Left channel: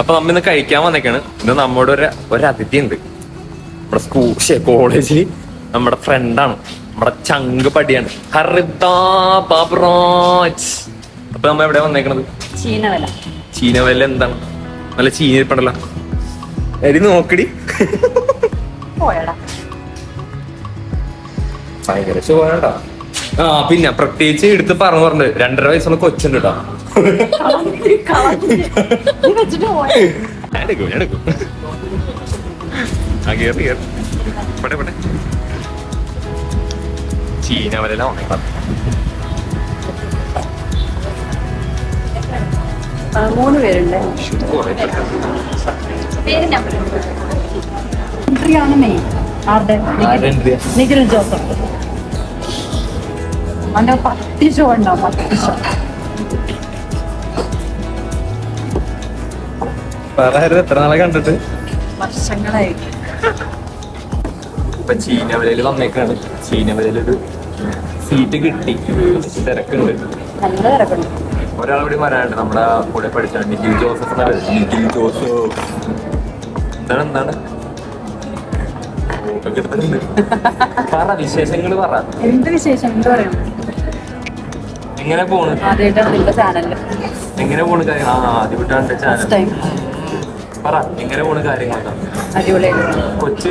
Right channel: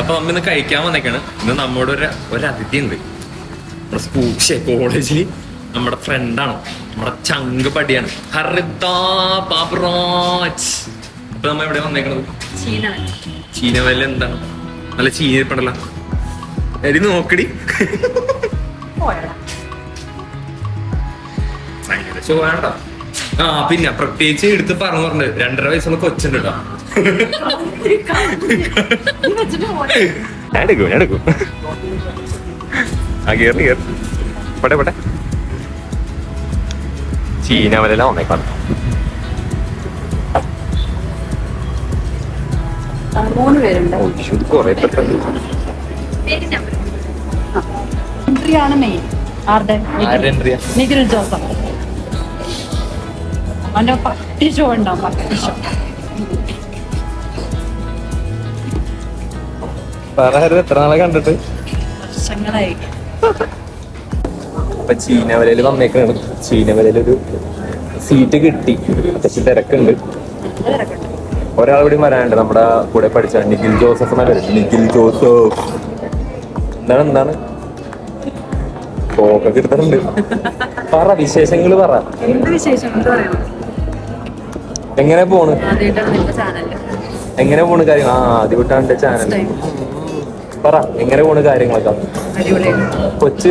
അപ്പൊ നമ്മ ഇന്ന് കഴിക്കാൻ വന്നേക്കാണ്. ഇന്ന് നമ്മുടെ ഒരു ഒരു അതിഥി ഉണ്ട് നമ്മുടെ സ്കൂൾ കോളേജിൽ നമ്മുടെ ഫ്രണ്ടാണ് നമ്മുടെ ചങ്ക് പടിയാണ്. അപ്പൊ നമ്മ എവിടെ വന്നേക്കണത്? ചീനവല. ചീനവല എന്താണ്? നല്ല ചീനിപ്പണ്ടല്ല എടി നോക്കടി. ഭയങ്കര ശോഭണ്ട ആ പിന്നെ പ്രത്യേകിച്ച് എടുത്ത് പറഞ്ഞു പറഞ്ഞു. രണ്ടര വയസ്സുള്ള കൊച്ചുണ്ട് കേട്ടോ. ഞാൻ എടുക്കും ഞാൻ എടുക്കും. ആ കേറി കേറി. പെട്ടെ പെട്ടെ. ചീനവല ഉണക്കാം മൂന്ന് പേരുണ്ട്. കൊറേ പെട്ടെന്ന്. എൻട്രി ആണ് മെയിൻ ആരുടെ? നിഖിൽ ജോസഫ്. അവന്റെ പട്ടി ഷോ ഉണ്ടാവും പട്ടി ഷോ വേറെ എത്ര നാളെ കണ്ടിട്ട്? വർഷങ്ങളായി. ഇപ്പൊ ചീനവലയിൽ വന്നേക്കാണ് ചീനവലയിലൊരു സീറ്റ് കിട്ടി. പക്ഷെ തിരക്കുണ്ട്. നല്ല തിരക്കുണ്ട്. ഒരാൾ കൂടി വരാനുണ്ട് നമ്മുടെ കൂടെ പഠിച്ചാണ് നിഖിൽ ജോസഫ് എന്നാ പേര്. നിഖിൽ ജോസഫ്. എന്താണ് എന്താണ്? ഫോട്ടോ എടുത്തിട്ടുണ്ട് പറ വിശേഷങ്ങൾ പറ. എന്ത് വിശേഷം? എന്ത് പറയണം എങ്ങനെ പോണ്? എങ്ങനെ പോണ് കാര്യം ആ ആദ്യമായിട്ടാണ് ചാനൽ പറ എങ്ങനെ പോണ് കാര്യങ്ങളൊക്കെ? കൊച്ച്.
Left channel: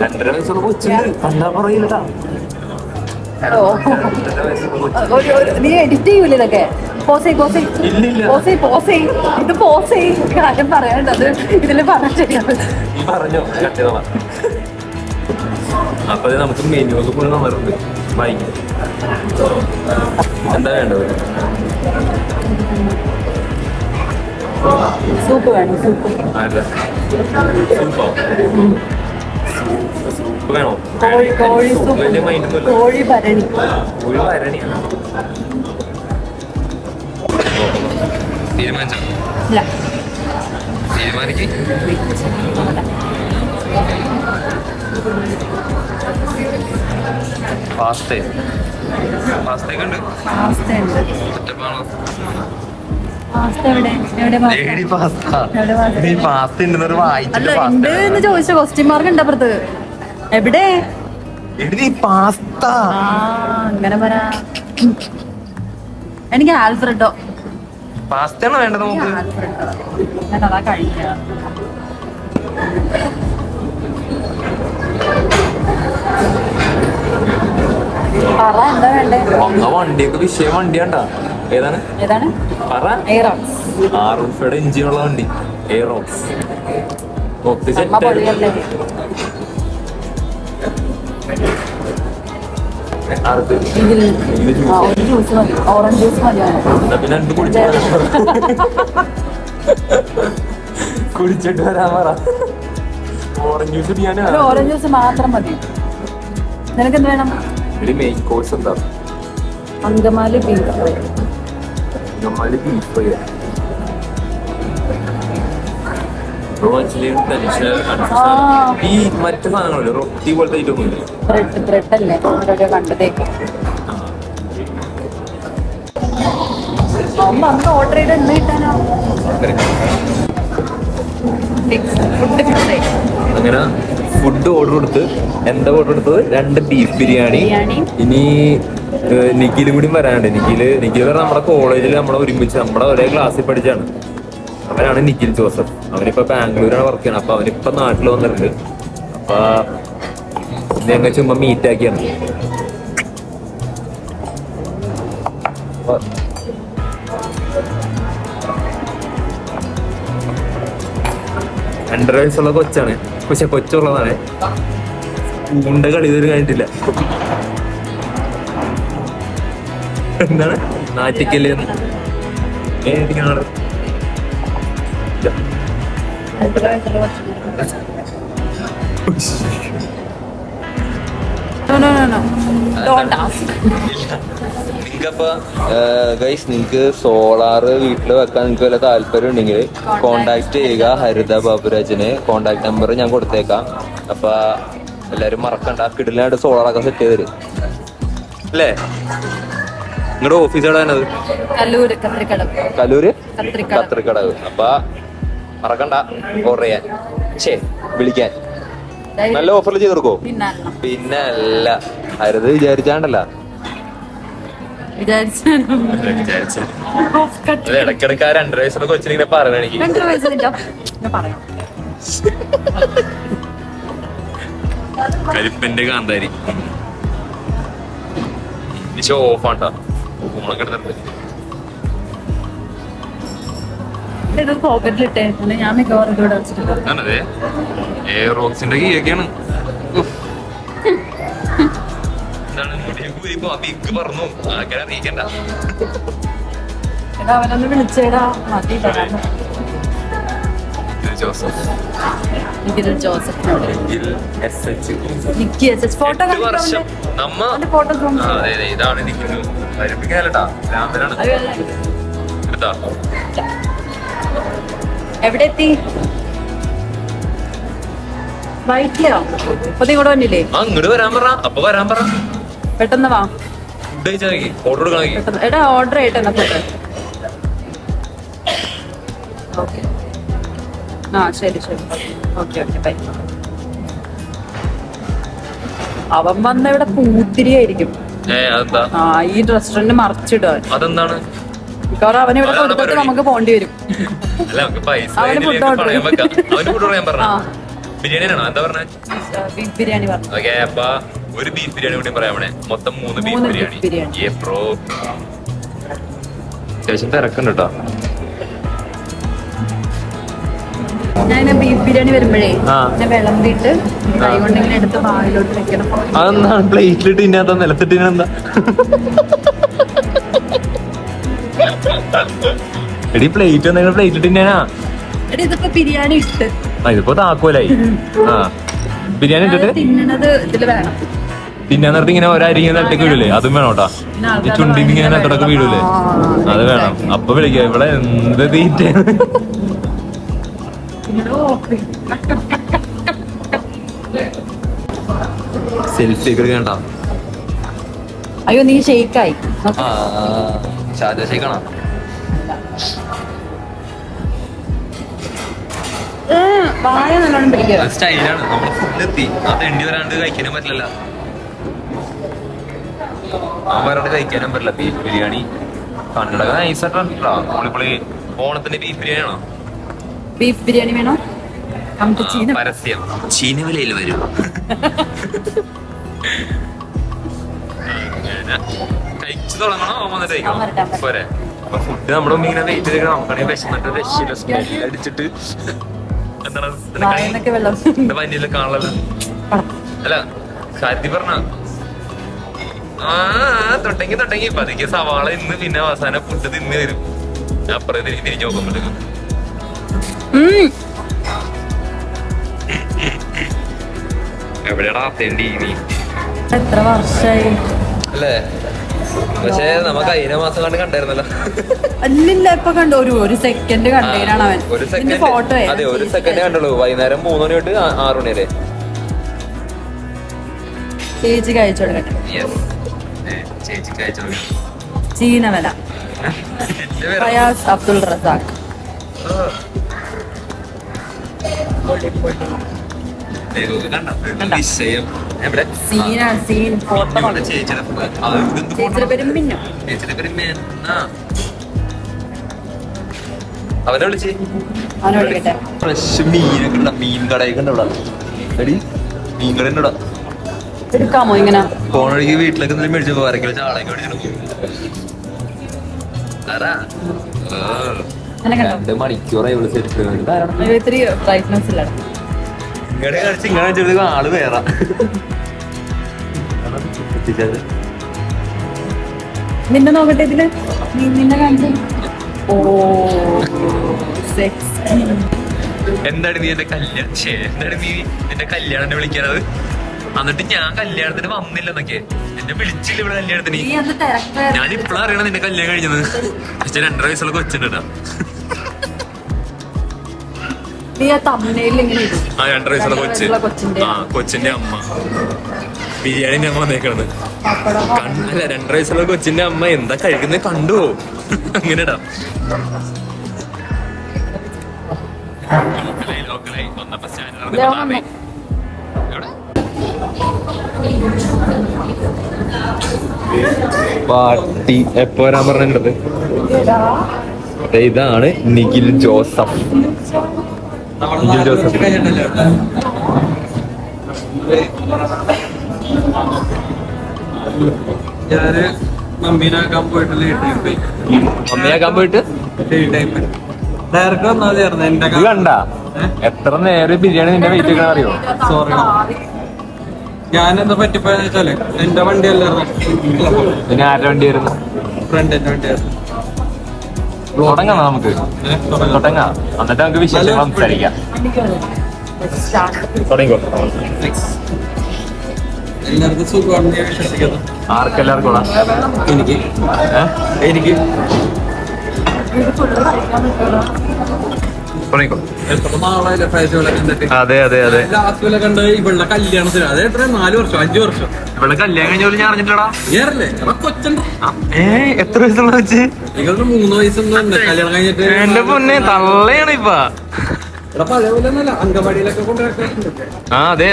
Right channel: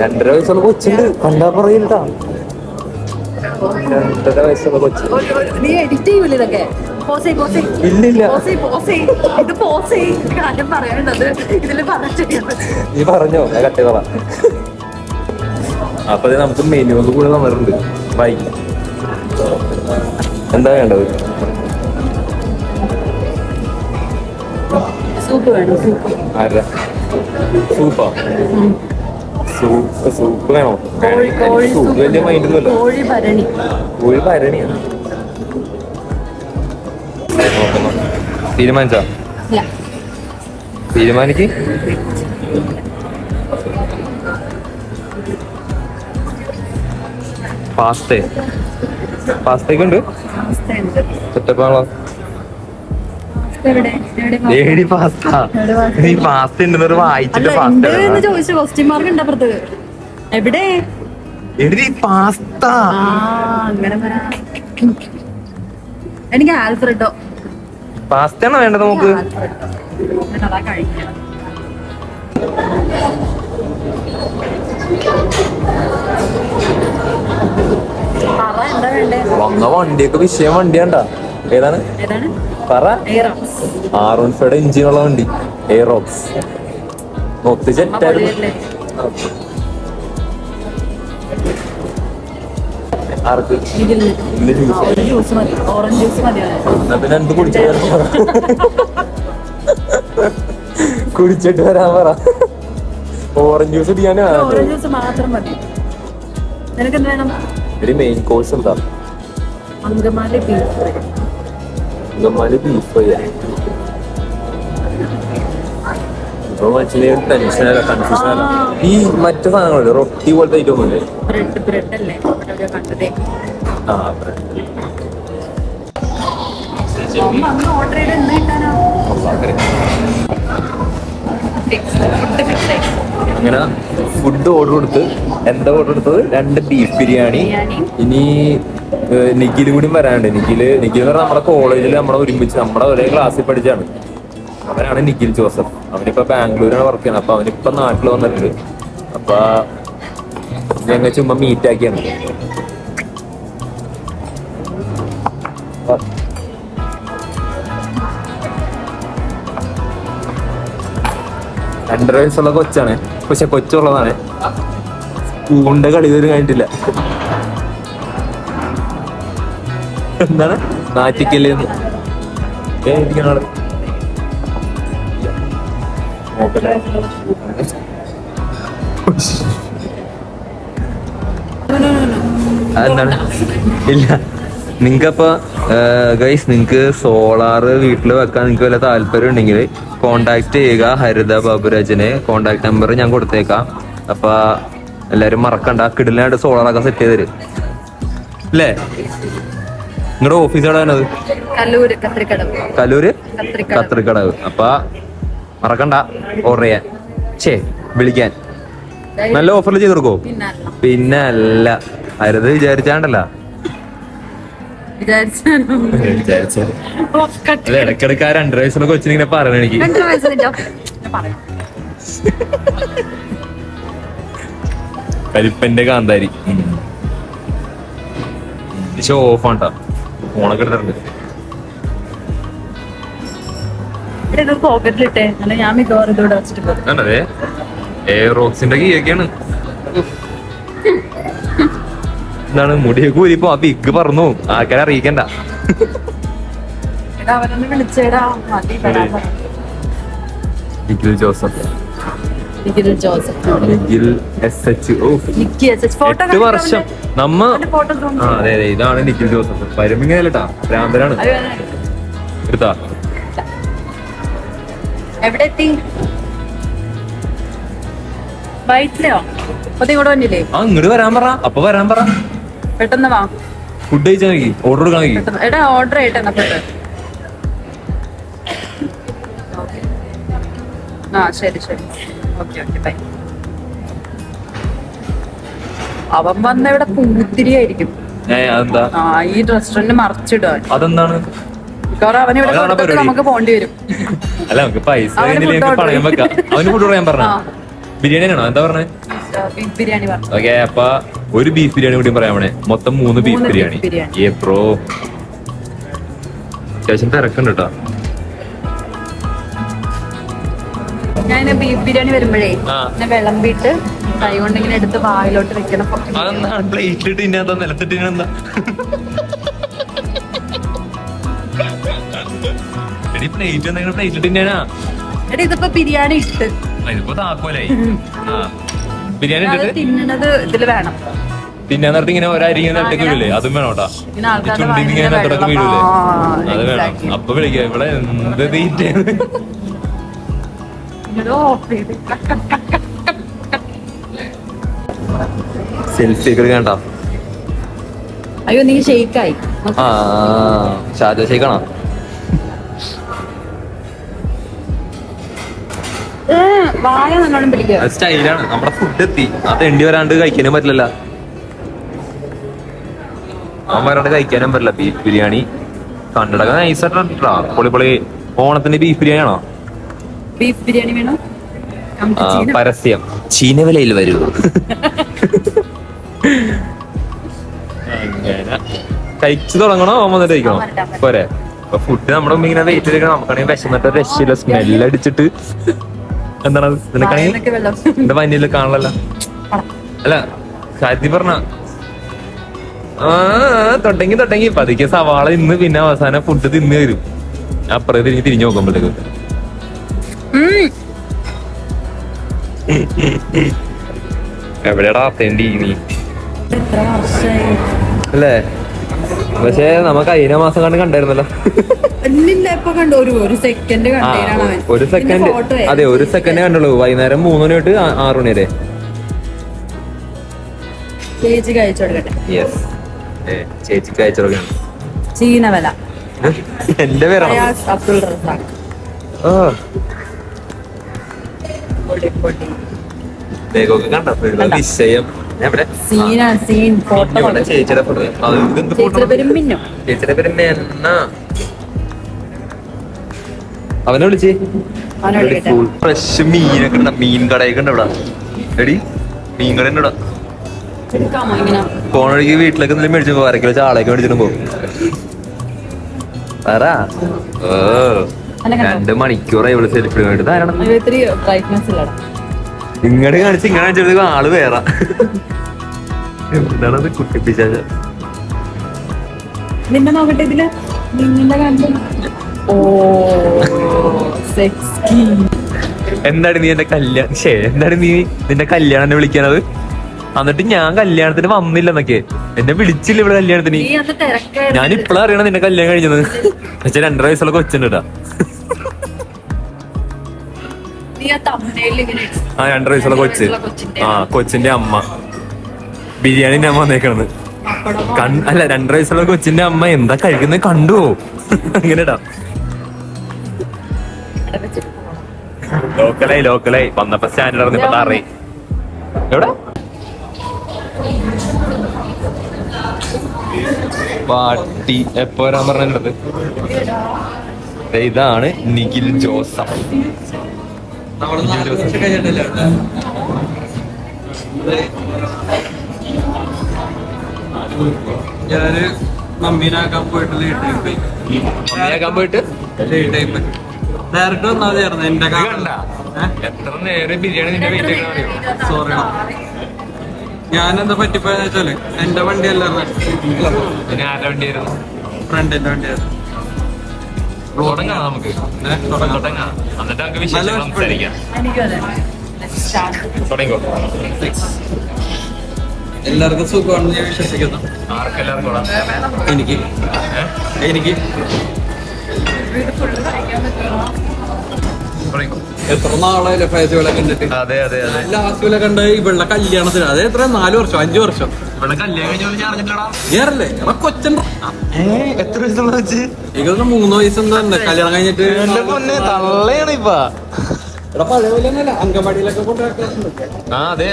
രണ്ടര വയസ്സുള്ള കൊച്ചുണ്ട്. കണ്ടാ പറയില്ലട്ടാ ഓ. രണ്ടര വയസ്സുള്ള കൊച്ച്. ഒരു- ഒരു- നീ എഡിറ്റ് ചെയ്യൂല ഇതൊക്കെ? പോസേ പോസേ ഇല്ലില്ല പോസേ പോസേ ഇത് പോസേ കാര്യം പറഞ്ഞ പറഞ്ഞോ ഞാൻ കട്ട് ചെയ്തോളാം. അപ്പൊ നമുക്ക് മെനുവൊക്കെ കൂടെ നമ്മളുണ്ട് ബൈ എന്താ വേണ്ടത്? സൂപ്പ് വേണം? സൂപ്പ് സൂപ്പാ സൂപ്പ് വേണോ? കോഴി കോഴി സൂപ്പ് വലിയ മൈൻഡൊന്നുമില്ല കോഴി ഭരണി. കോഴി ഭരണിയാണ് നോക്കുന്നു. തീരുമാനിച്ചോ? തീരുമാനിക്ക്? പാസ്തേ പാസ്തയൊക്കെ ഉണ്ട്? Lady pasta? നീ പാസ്ത ഉണ്ടെന്നൊരു വായിച്ചിട്ട് പാസ്ത എന്ന് ചോദിച്ച. ക്വസ്റ്റ്യൻ മാർക്ക് ഉണ്ട് അപ്പുറത്ത്. എവിടെ? എടി പാസ്ത ആ അങ്ങനെ പറ. എനിക്ക് ആൽഫ്രഡോ. പാസ്തയാണോ വേണ്ടത് നമുക്ക്? അതാ കഴിക്കാം. പറ എന്താ വേണ്ടേ? വന്ന വണ്ടിയൊക്കെ വിഷയം വണ്ടിയാണ്ടാ. ഏതാണ്? ഏതാണ്? പറ. ആറുൻഫയുടെ ഇഞ്ചിനുള്ള വണ്ടി. എയറോക്സ് ജ്യൂസ് മതി. ഓറഞ്ച് ജ്യൂസ് എന്ത് കുടിച്ചിട്ട് വരാൻ പറ. ഓറഞ്ച് ജ്യൂസ് കുടിക്കാനാ? ഓറഞ്ച് ജ്യൂസ് മാത്രം മതി. നിനക്ക് എന്ത് വേണം? ഒരു മെയിൻ കോഴ്സ് എന്താ? അങ്കമാലി ബീഫ് ഫ്രൈ കൺഫ്യൂഷൻ ആ. ഈ മറ്റു സാധനങ്ങളുണ്ട് റൊട്ടി പോലത്തെ ഐറ്റം ഉണ്ട് ബ്രെഡ് ബ്രെഡ് അല്ലേ ഓരോരോ കണ്ടതേ ആ അന്ന് ഓർഡർ ചെയ്ത് എന്ന് കിട്ടാനോ ഫുഡ് അങ്ങനെ ഫുഡ് ഓർഡർ കൊടുത്ത് എന്താ ഓർഡർ കൊടുത്തത്? രണ്ട് ബീഫ് ബിരിയാണി. ഇനി നിഖിലും കൂടി വരാനുണ്ട്. നിഖിൽ നിഖിൽ പറഞ്ഞാൽ നമ്മുടെ കോളേജിൽ നമ്മളെ ഒരുമിച്ച് നമ്മുടെ ഒരേ ക്ലാസ്സിൽ പഠിച്ചാണ്. അവനാണ് നിഖിൽ ജോസഫ്. അവനിപ്പോ ബാംഗ്ലൂരാണ് വർക്ക് ചെയ്യണത് അപ്പൊ അവനിപ്പോ നാട്ടിൽ വന്നിട്ടുണ്ട്. അപ്പൊ ഞങ്ങൾ ചുമ്മാ മീറ്റ് ആക്കിയാണ്. രണ്ടര വയസ്സുള്ള കൊച്ചാണ്. പക്ഷെ കൊച്ചുള്ളതാണ്. കളി ഇതുവരെ കഴിഞ്ഞിട്ടില്ല. എന്താണ്? നാറ്റിക്കൽ ആൾ. ഇല്ല. നിങ്ങൾക്കപ്പോ ഗൈസ് നിങ്ങക്ക് സോളാറ് വീട്ടിൽ വെക്കാൻ നിങ്ങൾക്ക് വല്ല താല്പര്യം ഉണ്ടെങ്കിൽ കോണ്ടാക്ട് ചെയ്യുക. ഹരിത ബാബുരാജിനെ കോണ്ടാക്ട് നമ്പർ ഞാൻ കൊടുത്തേക്കാം. അപ്പൊ എല്ലാരും മറക്കണ്ട. കിടിലായിട്ട് സോളാറൊക്കെ സെറ്റ് ചെയ്ത് തരും. അല്ലേ? നിങ്ങളുടെ ഓഫീസ് എവിടെ വരുന്നത് കല്ലൂര് കത്രിക്കടവ്. കല്ലൂര് കത്രിക്കടവ്. കത്രിക്കടവ്. അപ്പൊ മറക്കണ്ട ഓർഡർ ചെയ്യാൻ. ഛേ വിളിക്കാൻ. നല്ല ഓഫറിൽ ചെയ്ത് കൊടുക്കോ പിന്നെ അല്ല. അരുത് വിചാരിച്ചാണ്ടല്ല. ആ രണ്ടര വയസ്സുള്ള കൊച്ചിനെ രണ്ടര പറയാം. കൽപ്പന്റെ കാന്താരി. ഷോ ഓഫ് ആണ്ടാ മോളൊക്കെ ഇത് ഞാൻ മിക്കവാറും ഇതോടെ വെച്ചിട്ടുണ്ട് പോകും ആണതേ ഏ റോക്സിന്റെ കീയൊക്കെയാണ് എന്താണ് മുടിയൊക്കെ ഊരിപ്പോ ആ പിക്ക് പറഞ്ഞു ആക്കാൻ അറിയിക്കണ്ട. അവനൊന്ന് വിളിച്ചേടാ. മതി പറ. Nikhil Joseph Nikhil ജോസഫിനോട് Nikhil S H O. Nikki S H photo എട്ട് വർഷം. നമ്മ അവന്റെ ഫോട്ടോ ആ അതെ അതെ ഇതാണ് നിഖിൽ ജോസഫ്. വരുമ്പിങ്ങനല്ലട്ടാ ഭ്രാന്തനാണ് എടുത്താ. എവിടെ എത്തി വൈറ്റിലെയോ അപ്പൊ ഇങ്ങോട്ട് വന്നില്ലേ? ആ ഇങ്ങോട്ട് വരാൻ പറ. അപ്പൊ വരാൻ പറ. പെട്ടെന്ന് വാ. ഫുഡ് കഴിച്ചാൽ മതി. ഓർഡർ പെട്ടെന്ന്. എടാ ഓർഡർ ആയിട്ട് എന്നാ ആ ശരി ശരി. Okay okay bye. അവൻ വന്ന ഇവിടെ പൂത്തിരിയായിരിക്കും ആയിരിക്കും ആ ഈ റെസ്റ്റോറന്റ് മറച്ചിടുവാൻ അതെന്താണ്? മിക്കവാറും അവൻ ഇവിടെ കൊടുത്തിട്ട് നമുക്ക് പോണ്ടി വരും. അല്ല നമുക്ക് പൈസ അവന്. ഫുഡ് ഓർഡർ ബിരിയാണി ആണോ? എന്താ പറഞ്ഞത് ബിരിയാണി പറഞ്ഞു. ഓക്കെ അപ്പൊ ഒരു ബീഫ് ബിരിയാണി കൂടി പറയാം അവിടെ. മൊത്തം മൂന്ന് ബീഫ് ബിരിയാണി. അത്യാവശ്യം തിരക്കുണ്ട് കേട്ടോ. ഞാൻ ബീഫ് ബിരിയാണി വരുമ്പോഴേ ആ. ഞാൻ വിളമ്പിയിട്ട് കൈ കൊണ്ടെങ്കിലും എടുത്ത് വായിലോട്ട് വെക്കണം. അതെന്താണ്? പ്ലേറ്റിലിട്ട് ഇന്നത്തെ നിലത്തിട്ട് എന്താ എടി പ്ലേറ്റ് എന്തെങ്കിലും പ്ലേറ്റ് ഇട്ട് ഞാനാ എടി ഇതിപ്പോ ബിരിയാണി ഇട്ട്. ഇതിപ്പോ താക്കോലായി. ആ. ബിരിയാണി ഇട്ടിട്ട്? തിന്നണത് ഇതിൽ വേണം. പിന്നെ നിർത്തി ഇങ്ങനെ ഒരരി ഇങ്ങനെ നട്ടേക്ക് വീഴില്ലേ അതും വേണം കേട്ടാ. പിന്നെ ആൾക്കാരുടെ ഇങ്ങനെ നട്ടടക്ക് വീഴില്ലേ ആ, അത് വേണം. അപ്പൊ വിളിക്കാം ഇവിടെ എന്ത് തീറ്റയാണ്? ഓഫ് ചെയ്ത് സെൽഫി ഒക്കെ എടുക്കണ്ട. അയ്യോ നീ ഷെയ്ക്കായി ഷാജ ഷെയ്ക്കണോ വായ നല്ലോണം പിടിക്കുക. അത് സ്റ്റൈലാണ് നമ്മുടെ ഫുഡ് എത്തി. അത് എണ്ണി വരാണ്ട് കഴിക്കാനും പറ്റില്ല കഴിക്കാനും പറ്റില്ല. ബീഫ് ബിരിയാണി. കണ്ണടക്ക നൈസായിട്ടാ പൊളി പൊളി. ഓണത്തിന്റെ ബീഫ് ബിരിയാണി ആണോ? ബീഫ് ബിരിയാണി വേണോ? പരസ്യം. ചീന വിലയിൽ വരൂ. കഴിച്ചു തുടങ്ങണോ? വന്നിട്ട് കഴിക്കണോ. പോരെ. അപ്പൊ ഫുഡ് നമ്മുടെ മുമ്പ് ഇങ്ങനെ വെയിറ്റ് ചെയ്തിരിക്കണം. നമുക്കാണെങ്കിൽ വിശന്നിട്ട് രക്ഷയില്ല സ്മെല്ല് അടിച്ചിട്ട്. എന്താണ്? എന്റെ മഞ്ഞിൽ കാണാനല്ല അല്ല സാധ്യ പറഞ്ഞ? ആ തൊട്ടെങ്കി തൊട്ടെങ്കി പതുക്കെ സവാള ഇന്ന് പിന്നെ അവസാനം ഫുഡ് തിന്ന് തരും. അപ്പുറത്തേക്ക് തിരിഞ്ഞ് നോക്കുമ്പോഴത്തേക്കും. എവിടെയാടാ അത്തേണ്ടി നീ എത്ര വർഷമായി അല്ലേ? പക്ഷേ നമുക്ക് കഴിഞ്ഞ മാസം കണ്ട് കണ്ടായിരുന്നല്ലോ. അല്ലില്ല ഇപ്പൊ കണ്ടു. ഒരു ഒരു സെക്കൻഡ് കണ്ടേനാണ് അവൻ. ഒരു സെക്കൻഡ് ഫോട്ടോ അതെ ഒരു സെക്കൻഡ് കണ്ടുള്ളൂ. വൈകുന്നേരം മൂന്ന് മണി തൊട്ട് ആറ് മണി വരെ. ചേച്ചി അയച്ചു കൊടുക്കട്ടെ. യെസ് ചേച്ചിക്ക് അയച്ചോളാം ചീനവല. എന്റെ അബ്ദുൾ റസാഖ്. ആ. പൊടി പൊടി വേഗമൊക്കെ കണ്ടോ? നിശ്ചയം എവിടെ ഇവിടെ ചേച്ചിയുടെ ഫോട്ടോ അത് ഇതെന്ത് ഫോട്ടോ ചേച്ചിയുടെ പേര് മിന്നു. അവനെ വിളിച്ചേ. ഫ്രഷ് മീനൊക്കെ ഉണ്ട്? മീൻ കടയൊക്കെ ഉണ്ട് ഇവിടെ? എടി മീൻ കട ഉണ്ട് ഇവിടെ? വഴിക്ക് വീട്ടിലേക്ക് എന്തെങ്കിലും മേടിച്ചു പോകും. കിലോ ചാളയൊക്കെ മേടിച്ചിട്ട് പോകും ഓ. രണ്ട് മണിക്കൂറായി ഇവിടെ സെൽഫി ഇത്തിരി ബ്രൈറ്റ്നെസ് ഇല്ലടാ കാണിച്ച് ഇങ്ങനെ കാണിച്ചത് ആൾ വേറെ. എന്താണത് കുട്ടിപ്പിച്ചാച്ച? നിന്നെ നോക്കട്ടെ ഇതിൽ. നീ നിന്നെ കണ്ടു? ഓ സെക്സി എന്താണ് നീ എന്റെ കല്യാണം ശേ എന്താണ് നീ നിന്റെ കല്യാണം വിളിക്കാനത് എന്നിട്ട് ഞാൻ കല്യാണത്തിന് വന്നില്ലെന്നൊക്കെ. എന്നെ വിളിച്ചില്ല ഇവിടെ കല്യാണത്തിന്. ഞാൻ ഇപ്പഴാ അറിയണം നിന്നെ കല്യാണം കഴിഞ്ഞത്. പക്ഷെ രണ്ടര വയസ്സുള്ള കൊച്ചുണ്ടാ ആ രണ്ടര വയസ്സുള്ള കൊച്ച്. കൊച്ചിന്റെ ആ കൊച്ചിന്റെ അമ്മ. ബിരിയാണി ഞാൻ വന്നേക്കണത്. അല്ല രണ്ടര വയസ്സുള്ള കൊച്ചിന്റെ അമ്മ എന്താ കഴിക്കുന്നത് കണ്ടു അങ്ങനെടാ. ലോക്കലായി ലോക്കലായി. വന്നപ്പോ സ്റ്റാൻഡേർഡ് അറിയും. എവിടെ? പാട്ടി എപ്പോ വരാൻ പറഞ്ഞത് ഇതാണ് നിഖിൽ ജോസഫ്. നിഖിൽ ജോസഫ്. ഞാൻ മമ്മീനാക്കാൻ പോയിട്ട് ലേറ്റ് പോയി. മമ്മിയാക്കാൻ പോയിട്ട്? ലേറ്റ് ആയി പോയി. ഡയറക്റ്റ് എന്റെ കണ്ട? എത്ര നേരം ബിരിയാണി നിന്റെ വെയിറ്റ് ഒക്കെ അറിയോ? സോറി ഞാൻ എന്താ പറ്റിപ്പോയെന്ന് വെച്ചാൽ എന്റെ വണ്ടി അല്ലായിരുന്നു പിന്നെ ആരുടെ വണ്ടിയായിരുന്നു? ഫ്രണ്ടിന്റെ വണ്ടിയായിരുന്നു. തുടങ്ങാം നമുക്ക്. തുടങ്ങാം. എന്നിട്ട് നമുക്ക് സംസാരിക്കാം. തുടങ്ങിക്കോ. എല്ലാവർക്കും സുഖമാണെന്ന് ഞാൻ വിശ്വസിക്കുന്നു. ആർക്കെല്ലാവർക്കും എനിക്ക്. എനിക്ക്. തുടങ്ങിക്കോ. എത്ര നാളായില്ലേ ഫേജുകളെ കണ്ടിട്ട്? അതെ അതെ അതെ. ലാസ്റ്റ് പോലെ കണ്ട ഇവളുടെ കല്യാണത്തിന് അത് എത്ര? നാല് വർഷം അഞ്ചു വർഷം. കല്യാണം കഴിഞ്ഞ ഞാൻ അറിഞ്ഞിട്ടടാ ഏറല്ലേ എടാ കൊച്ചണ്ട ഏ എത്ര വയസ്സുള്ള വെച്ച് മൂന്ന് തന്നെ കല്യാണം കഴിഞ്ഞിട്ട് എന്റെ പൊന്നെ തള്ളയാണ് ഇപ്പൊ ആ അതെ.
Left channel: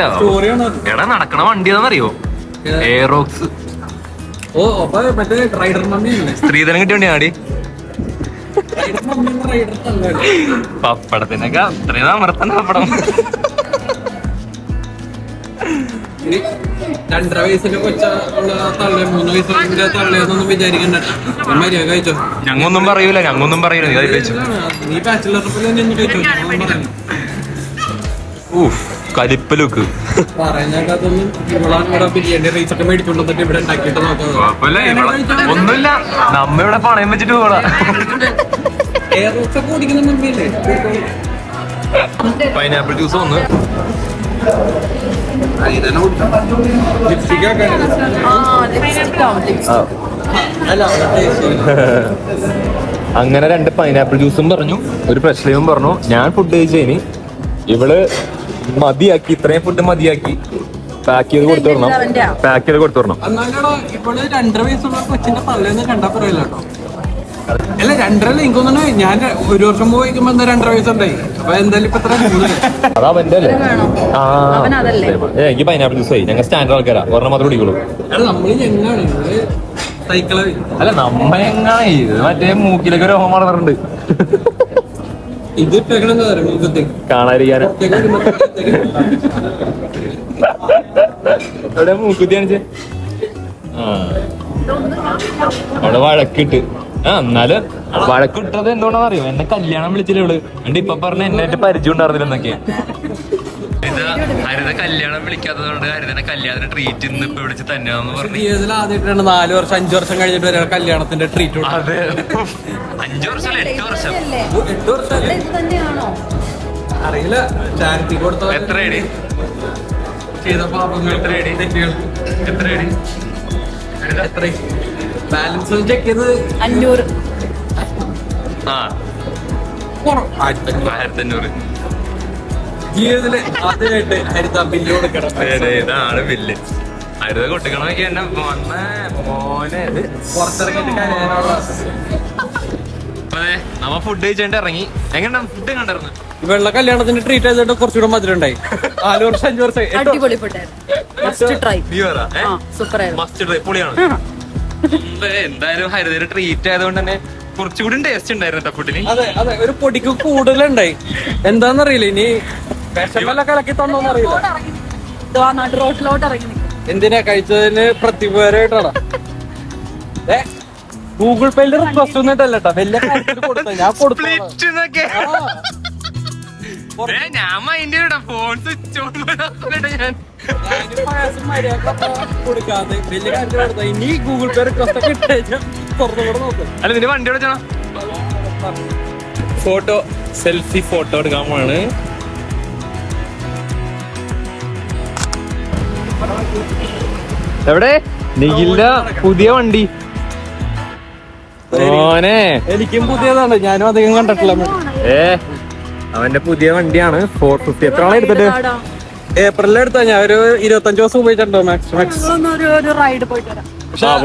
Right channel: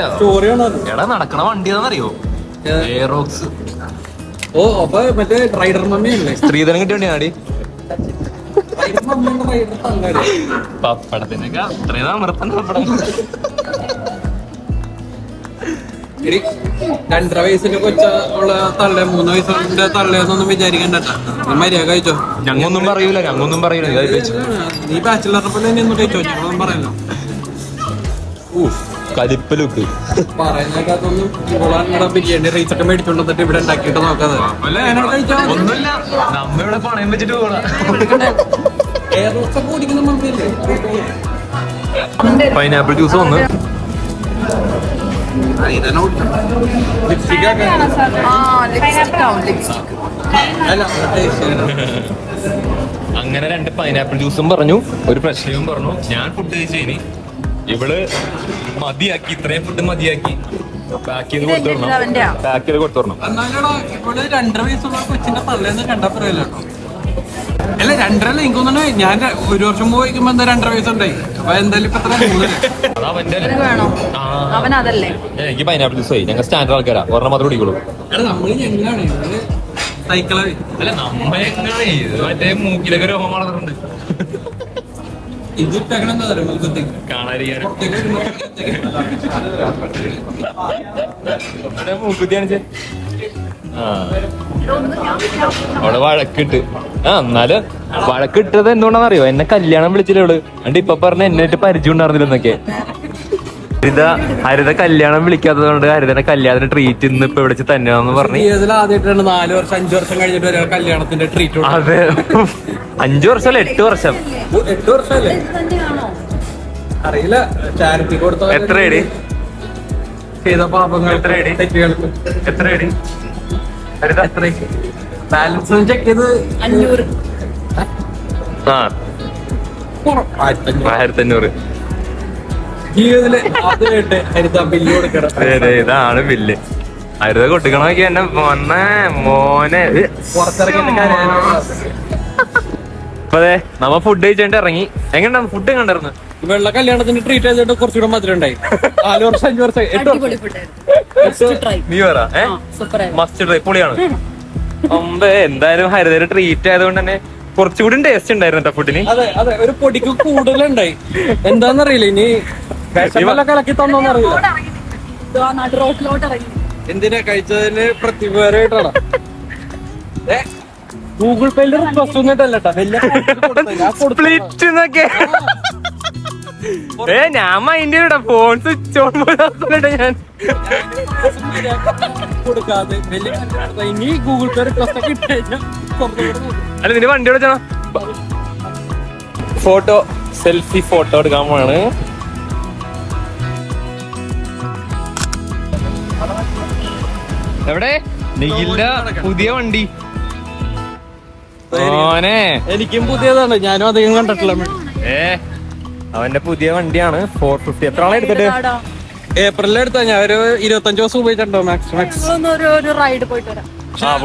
എടാ നടക്കണ വണ്ടി ഏതാണെന്നറിയോ? എയറോക്സ് ഓ അപ്പൊ മറ്റേ റൈഡർ മമ്മിയല്ലേ സ്ത്രീധനം കിട്ടിയ വണ്ടിയാടി പപ്പടത്തിനൊക്കെ അത്രയും അമർത്തണ്ട പപ്പടം രണ്ടര വയസ്സിന്റെ കൊച്ച ഉള്ള തള്ള മൂന്ന് വയസ്സിന്റെ തള്ളേന്നൊന്നും വിചാരിക്കണ്ട മര്യാദ കഴിച്ചോ? ഞങ്ങൊന്നും പറയൂല ഞങ്ങൊന്നും പറയൂല. നീ ബാച്ചിലറിനെ പോലെ തന്നെ ഒന്ന് കഴിച്ചോ? ഞങ്ങളൊന്നും പറയുന്നു ഊഫ് കലിപ്പ് ലുക്ക് പറയുന്നതൊന്നും ഇവളാണ് ഇവിടെ ബിരിയാണി റൈസ് ഒക്കെ മേടിച്ചോണ്ട് വന്നിട്ട് ഇവിടെ ഉണ്ടാക്കിയിട്ട് നോക്കാതെ. ഒന്നുമില്ല. നമ്മ ഇവിടെ പണയം വെച്ചിട്ട് പൈനാപ്പിൾ ജ്യൂസ് ഒന്ന്. അങ്ങനെ രണ്ട് പൈനാപ്പിൾ ജ്യൂസും പറഞ്ഞു. ഒരു പ്രശ്നവും പറഞ്ഞു. ഞാൻ ഫുഡ് കഴിച്ചതിന് ഇവൾ മതിയാക്കി ഇത്രയും ഫുഡ് മതിയാക്കി. പാക്ക് ചെയ്ത് കൊടുത്തു? വിടണം പാക്ക് ചെയ്ത് കൊടുത്തു വിടണം ഇവിടെ രണ്ടര വയസ്സുള്ള കൊച്ചിന്റെ പല്ലേന്ന് കണ്ടാ പറയില്ല കേട്ടോ അല്ല രണ്ടര എനിക്ക് തോന്നുന്നു ഞാൻ ഒരു വർഷം പോയിക്കുമ്പോ എന്താ രണ്ടര വയസ്സുണ്ടായി? അപ്പൊ എന്തായാലും ഇപ്പൊ മൂന്ന് അതാ അവന്റെ അല്ലേ? വേണോ? ആ. അവൻ അതല്ലേ? എനിക്ക് പൈനാപ്പിൾ ജ്യൂസ് ആയി. ഞങ്ങൾ സ്റ്റാൻഡേർഡ് ആൾക്കാരാ. ഒരെണ്ണം മാത്രം കുടിക്കുള്ളൂ. എടാ നമ്മൾ എങ്ങനെയാണ്? സൈക്കിളായി അല്ല നമ്മളെങ്ങനെ ഇത് മറ്റേ മൂക്കിലൊക്കെ രോഗം വളർന്നിട്ടുണ്ട്. ഇത് കാണാതിരിക്കാന് ഇവിടെ അവിടെ വഴക്കിട്ട്. ആ എന്നാലും വഴക്കിട്ടത് എന്തുകൊണ്ടാന്ന് അറിയോ? എന്നെ കല്യാണം വിളിച്ചില്ല അണ്ട് എന്നിട്ട് ഇപ്പൊ പറഞ്ഞ എന്നിട്ട് പരിചയം ഉണ്ടായിരുന്നില്ലെന്നൊക്കെ ഹരിത ഹരിത കല്യാണം വിളിക്കാത്തത് കൊണ്ട് ഹരിതന്റെ കല്യാണത്തിന് ട്രീറ്റ് ഇന്ന് ഇപ്പൊ വിളിച്ച് തന്നെയാന്ന് പറഞ്ഞു. ആദ്യമായിട്ടാണ് നാല് വർഷം അഞ്ചു വർഷം കഴിഞ്ഞിട്ട് ഒരാൾ കല്യാണത്തിന്റെ ട്രീറ്റ് അതെ. അഞ്ചു വർഷം. അല്ല എട്ട് വർഷം എട്ട് ഇത് അറിയില്ല. ചാരിറ്റി കൊടുത്ത എത്ര അടി ചെയ്ത പാപങ്ങൾ എത്ര അടി? തെറ്റുകൾക്ക് എത്ര അടി ഹരിത ബാലൻസ് ചെക്ക് ചെയ്ത് അഞ്ഞൂറ്. ആ. ആയിരത്തി അഞ്ഞൂറ് ഇതാണ് ബില്ല് ഹരിത കൊട്ടിക്കണമൊക്കെ എന്നെ മോനെ. മോനെ. ഇത് പുറത്തിറങ്ങിയിട്ട് കാര്യമില്ല. അപ്പൊ അതെ നമ്മ ഫുഡ് കഴിച്ചിട്ട് ഇറങ്ങി. എങ്ങനെ ഫുഡ് കണ്ടായിരുന്നു വെള്ള കല്യാണത്തിന് ട്രീറ്റ് ചെയ്തിട്ട് കുറച്ചുകൂടെ മധുരം ഉണ്ടായി നാല് വർഷം അഞ്ചു വർഷം. എട്ട് അടിപൊളി ഫുഡ് മസ്റ്റ് ട്രൈ നീ പറ മസ്റ്റ് ട്രൈ പൊളിയാണ്. അമ്പേ എന്തായാലും ഹരിതയുടെ ട്രീറ്റ് ആയതുകൊണ്ട് തന്നെ കുറച്ചുകൂടി ടേസ്റ്റ് ഉണ്ടായിരുന്നു ഫുഡിന് അതെ അതെ ഒരു പൊടിക്ക് കൂടുതലുണ്ടായി. എന്താന്നറിയില്ല ഇനി കലക്കി തന്നോന്നറിയില്ല എന്തിനാ കഴിച്ചതിന് പ്രത്യുപകാരമായിട്ടാണ്? ഗൂഗിൾ പേയിൽ റിക്വസ്റ്റ് ഒന്നിട്ടല്ല വലിയ സ്പ്ലിറ്റ് എന്നൊക്കെ ഏ ഞാൻ മൈൻഡ് ചെയ്യണ്ട ഫോൺ സ്വിച്ച് ഓൺ പോയിട്ട് ഞാൻ. കൊടുക്കാതെ വലിയ കാര്യത്തിൽ കൊടുത്തത്. ഇനി ഗൂഗിൾ പേ റിക്വസ്റ്റ് ഒക്കെ അല്ല നിന്റെ വണ്ടി വിളിച്ചാ ഫോട്ടോ സെൽഫി ഫോട്ടോ എടുക്കാൻ പോവാണ്. എവിടെ? നിഖിലിന്റെ പുതിയ വണ്ടി. ഓനെ എനിക്കും പുതിയതാണ്. ഞാനും അധികം കണ്ടിട്ടില്ല. ഏ? അവന്റെ പുതിയ വണ്ടിയാണ്. ഫോർ ഫിഫ്റ്റി എത്ര ആളെ എടുത്തിട്ട്. ഏപ്രിലിൽ എടുത്താ ഞാൻ ഒരു ഇരുപത്തഞ്ച് ദിവസം ഉപയോഗിച്ചിട്ടുണ്ടോ മാക്സ് മാക്സ് റൈഡ് പോയിട്ട് വരാം.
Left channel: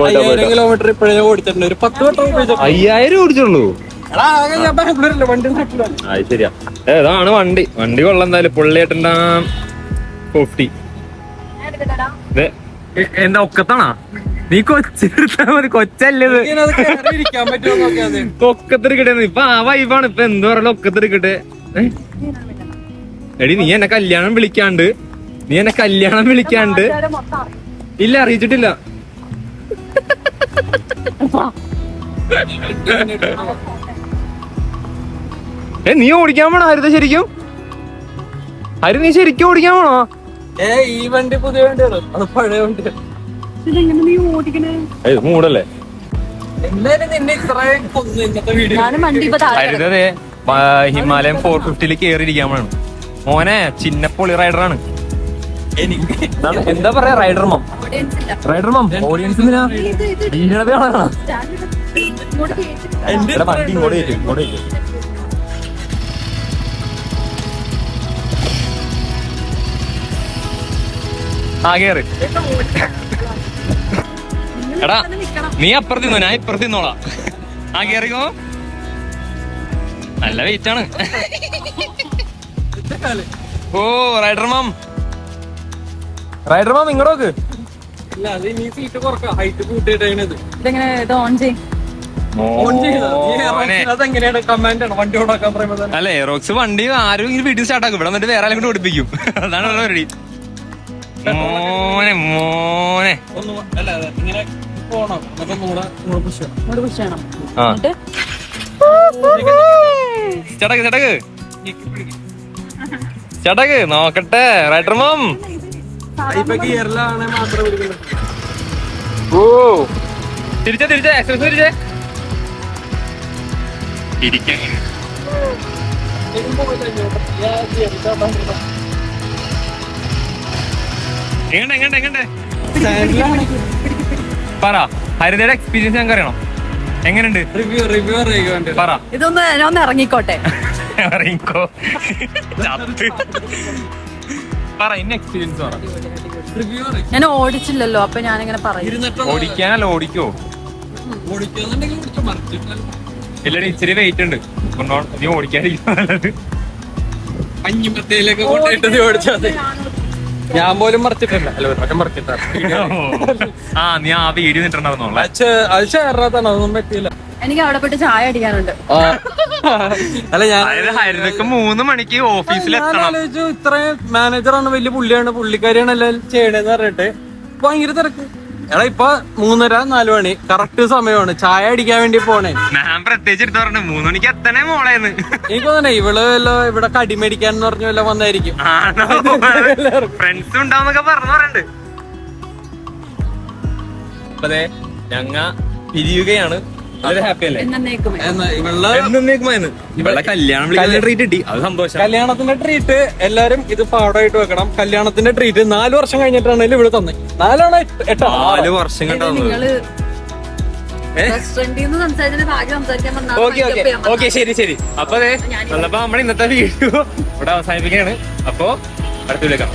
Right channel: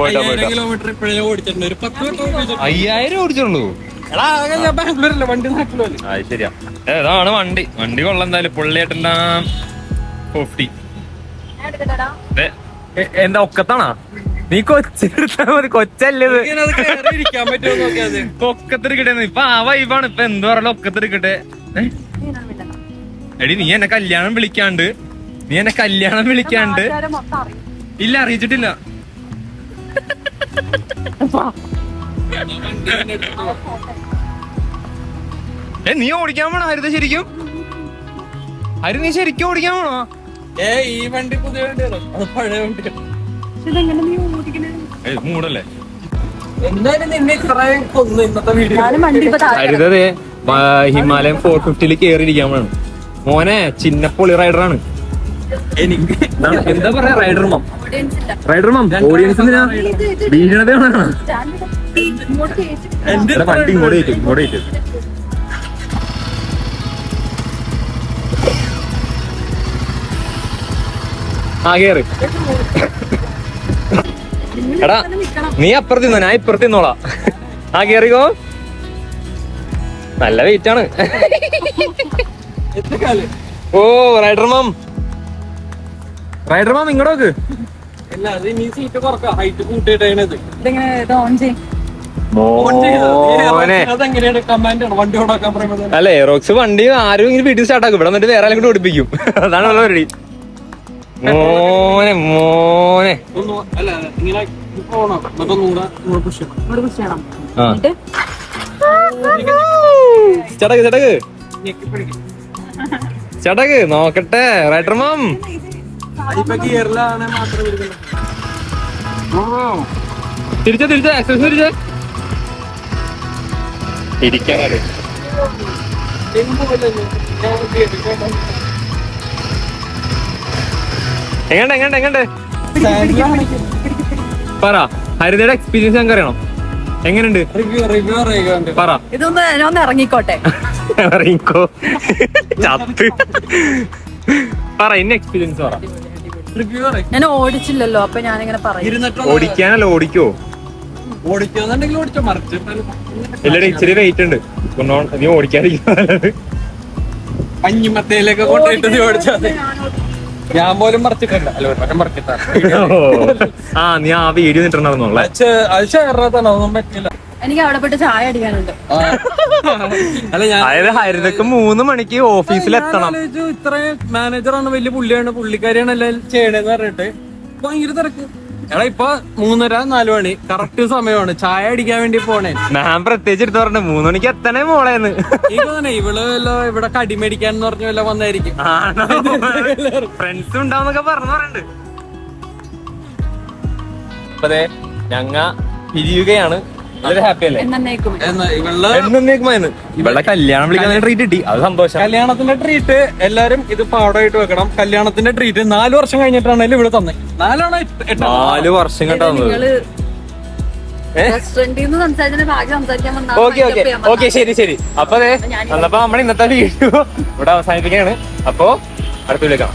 അയ്യായിരം കിലോമീറ്റർ ഇപ്പോഴേ ഓടിച്ചിട്ടുണ്ട്. ഒരു പത്ത് വട്ടം ഉപയോഗിച്ചിട്ടുണ്ട് അയ്യായിരം ഓടിച്ചുള്ളൂ. എടാ ആകെ ഞാൻ ബാംഗ്ലൂരല്ലേ? വണ്ടി നാട്ടിലല്ലേ അത് ശരിയാ. ഏതാണ് ഇതാണ് വണ്ടി. വണ്ടി കൊള്ളാം എന്തായാലും. പുള്ളിയേട്ടന്റെ ഫിഫ്റ്റി എന്താ ഒക്കത്താണാ? നീ കൊച്ചെടുത്താ മതി കൊച്ചല്ലേ ഇത്? ഇങ്ങനെ അത് കയറി ഇരിക്കാൻ പറ്റുമോ നോക്കിയാൽ ഒക്കത്തെടുക്കട്ടെ ഇപ്പൊ ആ വൈബാണ് ഇപ്പൊ എന്ത് പറയല ഒക്കത്തെടുക്കട്ടെ? എടി നീ എന്നെ കല്യാണം വിളിക്കാണ്ട്. നീ എന്നെ കല്യാണം വിളിക്കാണ്ട്. ഇല്ല അറിയിച്ചിട്ടില്ല. ഏ നീ ഓടിക്കാൻ പോണോ? ഹരിത ശരിക്കും? ഹരി നീ ശരിക്കും ഓടിക്കാൻ പോണോ? ഏ ഈ വണ്ടി പുതിയ വണ്ടിയാണ്. അത് പഴയ വണ്ടിയാണ്. മൂടല്ലേ? ഹരിതേ ഹിമാലയൻ ഫോർ ഫിഫ്റ്റിയിൽ കേറിയിരിക്കാൻ വേണം മോനെ പൊളി റൈഡറാണ് എനിക്ക് എന്താ പറയാ റൈഡർ മം. റൈഡർ മം ഓഡിയൻസ് എന്തിനാ. എന്റെ വണ്ടി ഇങ്ങോട്ട് കയറ്റും ഇങ്ങോട്ട് കയറ്റും ആ കേറ്. എടാ നീ അപ്പുറത്ത് നിന്നോ ഞാൻ ഇപ്പുറത്ത് നിന്നോളാം. ആ കേറിക്കോ. നല്ല വെയിറ്റ് ആണ്. ഓ റൈഡർ മാം. റൈഡർ മാം ഇങ്ങോട്ട് നോക്ക്. ഇല്ല അത് ഇനി സീറ്റ് കുറക്കാം ഹൈറ്റ് കൂട്ടിയിട്ടത് ഇതെങ്ങനെ ഇത് ഓൺ ചെയ്യും ഓൺ മോനെ. അതെങ്ങനെയാണ് കമാൻഡ് ആണ്? വണ്ടി ഓണാക്കാൻ പറയുമ്പോൾ അല്ല എയറോക്സ് വണ്ടി ആരും ഇങ്ങനെ വീട്ടിൽ സ്റ്റാർട്ട് ആക്കും. ഇവിടെ എന്നിട്ട് വേറെ ആരെങ്കിലും ഓടിപ്പിക്കും. അതാണ് ഉള്ള പരിപാടി. മോനെ മോനെ. അല്ല, ഇങ്ങനെ ചടക്ക് ചടക്ക് ചടക്ക് നോക്കട്ടെ. Rider ma'am. ഓ. തിരിച്ച തിരിച്ച. എക്സസ് തിരിച്ച. ഇരിക്കാൻ എങ്ങണ്ട് എങ്ങണ്ട് എങ്ങണ്ട്. പറ. ഹരിതയുടെ എക്സ്പീരിയൻസ് ഞങ്ങൾക്ക് അറിയണം? എങ്ങനെയുണ്ട്? പറ. ഇതൊന്ന് ഞാൻ ഒന്ന് ഇറങ്ങിക്കോട്ടെ. ഇറങ്ങിക്കോ. ചത്ത്. പറ ഇന്ന എക്സ്പീരിയൻസ് പറ. ഞാൻ ഓടിച്ചില്ലല്ലോ അപ്പൊ ഞാനിങ്ങനെ പറയും. ഓടിക്കാനല്ലോ ഓടിക്കാനല്ല ഓടിക്കോ. ഓടിക്കുന്നുണ്ടെങ്കിൽ ഓടിച്ചോ ഇല്ലടി ഇച്ചിരി വെയിറ്റ് ഉണ്ട്. നീ ഓടിക്കാതിരിക്കും പഞ്ഞിമത്തയിലൊക്കെ കൊണ്ടിട്ട് നീ ഓടിച്ചാൽ. ഞാൻ പോലും മറച്ചിട്ടില്ല. അല്ല ഒരു വട്ടം മറിച്ചിട്ടാണ് ആ നീ ആ വീഡിയോ നിട്ടുണ്ടായിരുന്നോളെ അത് ഷെയറാത്താണ് അതൊന്നും പറ്റിയില്ല. എനിക്ക് അവിടെ പോയിട്ട് ചായ അടിക്കാനുണ്ട്. അല്ല ഞാൻ അതായത് ഹരിതക്ക് മൂന്ന് മണിക്ക് ഓഫീസിൽ എത്തണം. ഇത്രയും മാനേജറാണ് വലിയ പുള്ളിയാണ് പുള്ളിക്കാരിയാണ് എല്ലാം ചെയ്യണേന്ന് പറഞ്ഞിട്ട്. ഭയങ്കര തിരക്ക്. എടാ ഇപ്പൊ മൂന്നര നാല് മണി. കറക്റ്റ് സമയമാണ്. ചായ അടിക്കാൻ വേണ്ടി പോണേ. ഞാൻ പ്രത്യേകിച്ച് എടുത്ത് പറഞ്ഞു മൂന്ന് മണിക്ക് എത്തണേ മോളേന്ന്. എനിക്ക് തോന്നണേ ഇവൾ വല്ല ഇവിടെ കടി മേടിക്കാൻ എന്ന് പറഞ്ഞ വല്ല വന്നായിരിക്കും. ഫ്രണ്ട്സ് ഉണ്ടാവുന്നൊക്കെ പറഞ്ഞു പറയണ്ട്. ഞങ്ങ പിരിയുകയാണ്. വളരെ ഹാപ്പി അല്ലേ? എന്നേക്കുമേ എന്നാ ഇവളുടെ എന്നേക്കുമായിരുന്നു ഇവളെ കല്യാണം വിളിക്കാൻ ട്രീറ്റ് അത് സന്തോഷം. കല്യാണത്തിന്റെ ട്രീറ്റ് എല്ലാരും ഇത് പാടായിട്ട് വെക്കണം. കല്യാണത്തിന്റെ ട്രീറ്റ് നാല് വർഷം കഴിഞ്ഞിട്ടാണ് ഇവിടെ തന്നെ നാലാണ് നാല് വർഷം ഓക്കെ ഓക്കെ. ഓക്കെ ശരി ശരി. അപ്പൊ അതെ നമ്മൾ ഇന്നത്തെ വീഡിയോ ഇവിടെ അവസാനിപ്പിക്കുകയാണ്. അപ്പോ അടുത്ത വിളിക്കാം